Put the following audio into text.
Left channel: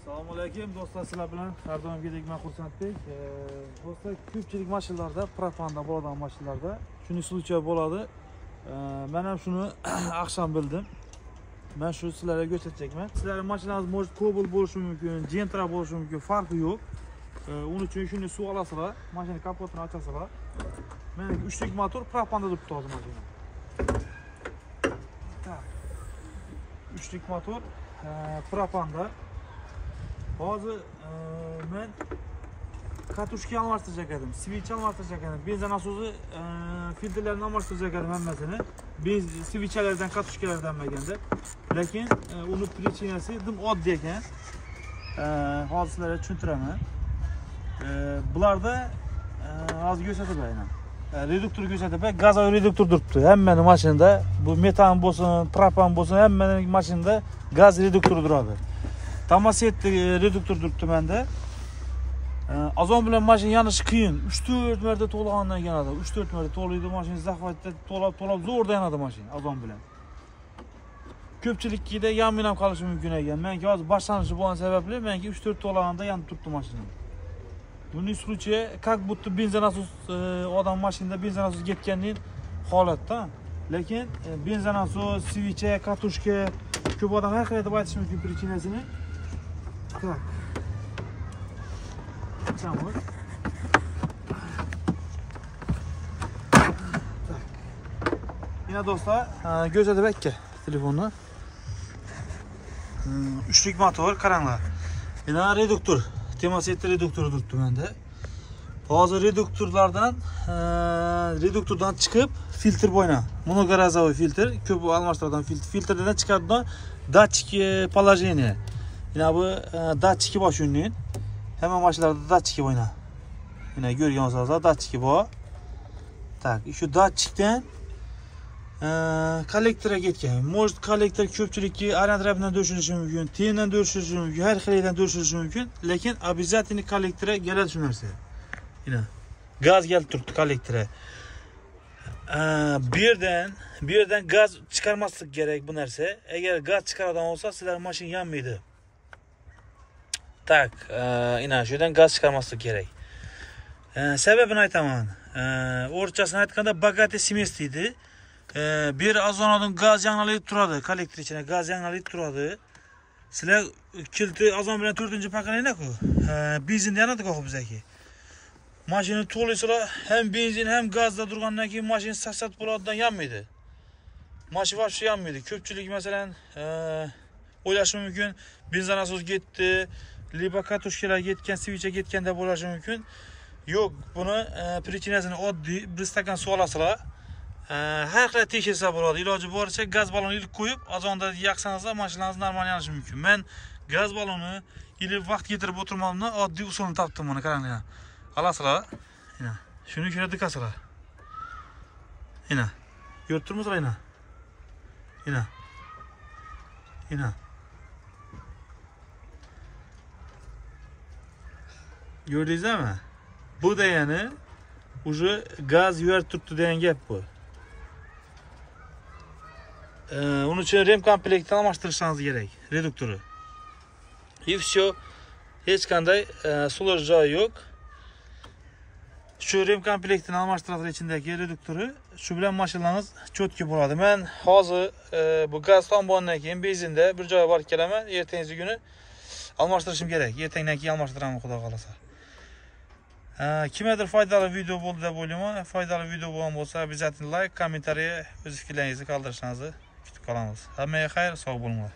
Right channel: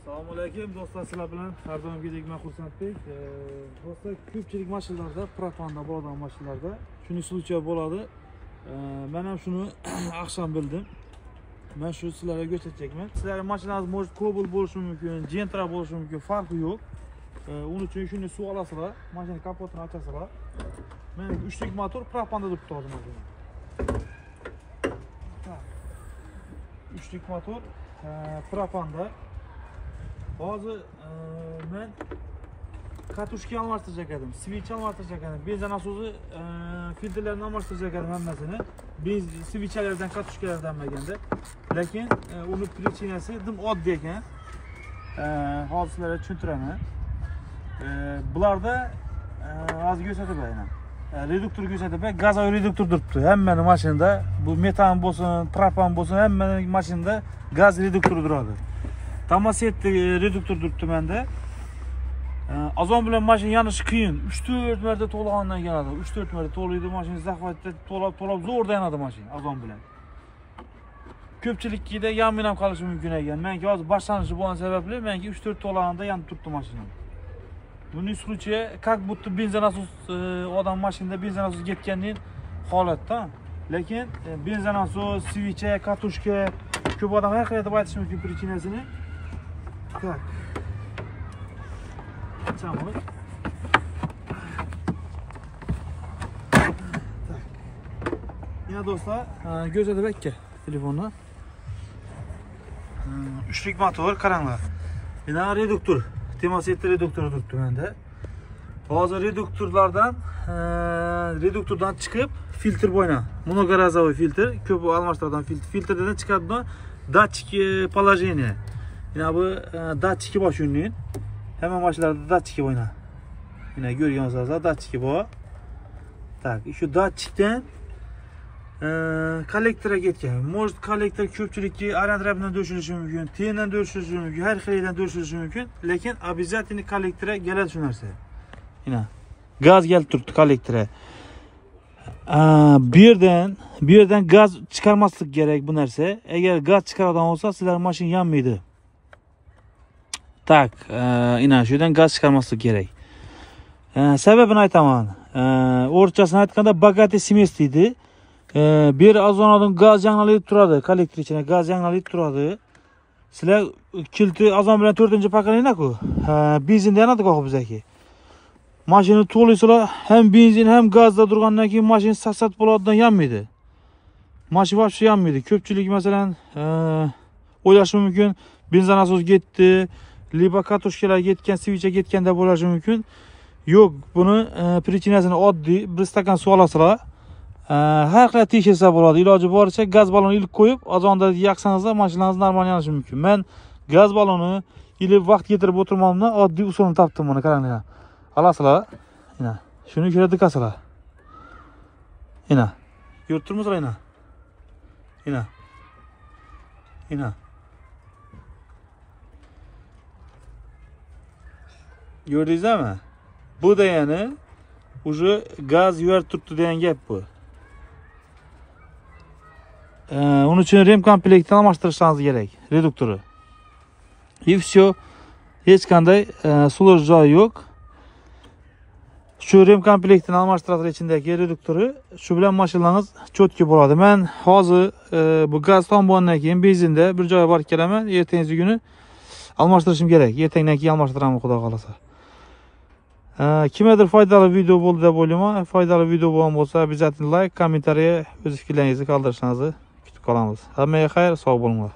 Assalomu alaykum do'stlar, sizlar bilan har doimgidek men xursandlik. Do'stlar, ko'pchilik mashinalarda, propanda bo'ladigan mashinalarda shuni случай bo'ladi. Men ham shuni akşam bildim. Men shu sizlarga ko'rsatacakman. Sizlarning mashinangiz может Cobalt bo'lishi mumkin, Gentra bo'lishi mumkin, farqi yo'q. Uning uchun shuni suv olasizlar, mashina kapotini ochasizlar. Meniki 3 lik motor propanda turibdi hozir mashina. 3 lik motor propanda. Hozir men katushka almashtirajak edim, switch almashtirajak edim, benzin nasosi filtrlarini almashtirajak edim hammasini. Benzin switchlardan katushkalardan bo'lganda. Lekin uni prichinasi dim oddiy ekan. Hozir sizlarga tushuntiraman. Bularda hozir ko'rsatib beraman. Reduktor ko'rsatib beraman, gazovoy reduktor turibdi. Hammaning mashinada bu metan bo'lsin, propan bo'lsin, hammaning mashinada gaz reduktori turadi. Tamasetli reduktor turibdi menda. Azon bilan mashina yonishi qiyin. 3-4 marta to'lag'andan keladi. 3-4 marta to'laydi mashina, zaxvatda to'lab zo'rda yanadi mashina azon bilan. Ko'pchilikda yamin ham qolishi mumkin ekan. Menga hozir boshlanishi bo'lgan sababli menga 3-4 to'lag'anda yanib turibdi mashina. Buning случае как будто benzin nasos odam mashinada benzin nasos ketganning holatda. Lekin benzin nasos, switch, katushka ko'p odam har xil deb aytish mumkin prichinasini. Так. Açamiz. Так. Yine do'stlar, ko'rsatib akka telefonni. 3 lik motor, qaranglar. Yana reduktor, temasetli reduktor turibdi menda. Hozir reduktordan chiqib filtr bo'yna. Monogarozovoy filtr, ko'p almashtiradigan filtrdan chiqadigan datchik положение. Yine bu datchiki bor shunning. Hamma mashinalarda datchiki bo'yna. Yine ko'rgan bo'lsangiz, datchiki bor. Tak, shu datchikdan kollektorga ketgan. Может kollektor ko'pchilikki arantrapdan do'shilishi mumkin, tendan do'shilishi mumkin, har xildan do'shilishi mumkin, lekin обязательно kollektorga keladi shu narsa. Yine gaz kelib turibdi kollektorga. Bu yerdan gaz chiqarmaslik kerak bu narsa. Agar gaz chiqaradigan bo'lsa, sizlar mashina yanmaydi. Tak, ina shudan gaz chiqarmaslik kerak. Sababini aytaman. O'rtachasini aytganda bagati semest deydi. Bir azonadan gaz yangilanib turadi, kollektor ichida gaz yangilanib turadi. Sizlar kilti azon bilan 4-pokoleniya-ku. Benzinda yanadi qo'yib bizaki. Mashina to'laysizlar, ham benzin ham gazda turgandan keyin mashina sasat bo'ladidan yanmaydi. Mashina вообще yanmaydi. Ko'pchilik masalan o'ylashi mumkin, benzin nasos ketdi, liba katushkalar ketgan, switch ketganda bo'lishi mumkin. Yo'q, buni prichinasini oddiy, bir stakan suv olasizlar. Har qanday tekshirsa bo'ladi. Iloji boricha gaz balonni ilib qo'yib, azonda yaqsanizlar mashinangiz normal yonishi mumkin. Men gaz balloni ilib vaqt ketirib o'tirmamdan oddiy usulni topdim buni, qaranglar. Alasizlar. Mana shuni ko'rib diqqatsizlar. Mana. Ko'rib turibsizlar mana. Mana. Gördingizmi? Bu degani уже gaz yuvarib turibdi degan gap bu. Uning uchun rem komplektini almashtirishingiz kerak, reduktori. И всё. Hech qanday sulash joyi yo'q. Shu rem komplektini almashtiradi ichindagi reduktori, shu bilan mashinangiz cho'tki bo'ladi. Men hozir bu gaz tom bo'lgandan keyin benzinda bir joyga borib kelaman, ertangi kuni almashtirishim kerak. Ertangdan keyin almashtiraman, xudo xolasa. Kimgadir foydali video bo'ldi deb o'ylayman. Foydali video bo'lgan bo'lsa, обязательно like, kommentariya o'z fikrlaringizni qoldirishingizni kutib qolamiz. Hammaga xayr, sog' bo'linglar.